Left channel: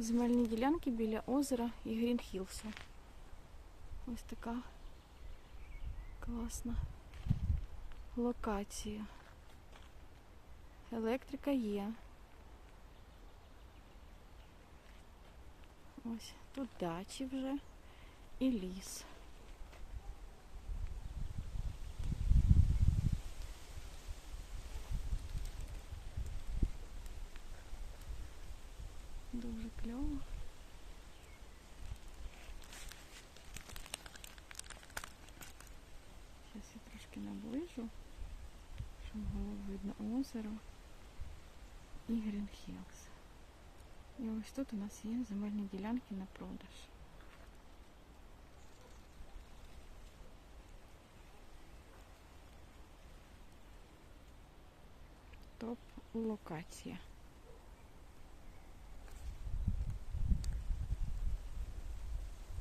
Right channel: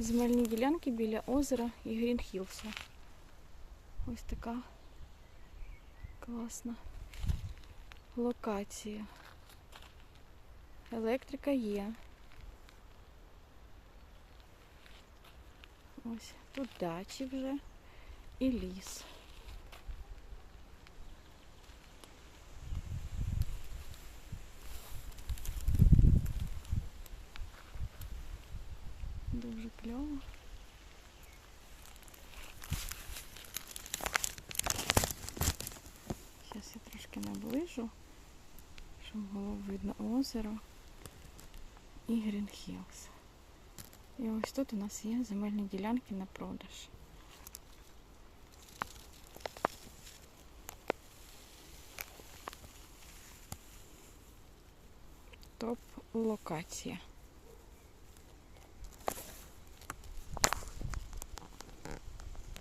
Земельні ділянки біля озера і Грінхілса. Ось така класна локація. Електрика є. Ось тут дачі вже і ліс. Дуже кльово. Зараз я трошки наближу, щоб було видно озеро і Грінхілс. І ось тут у нас є земельні ділянки на продаж. Топ локація.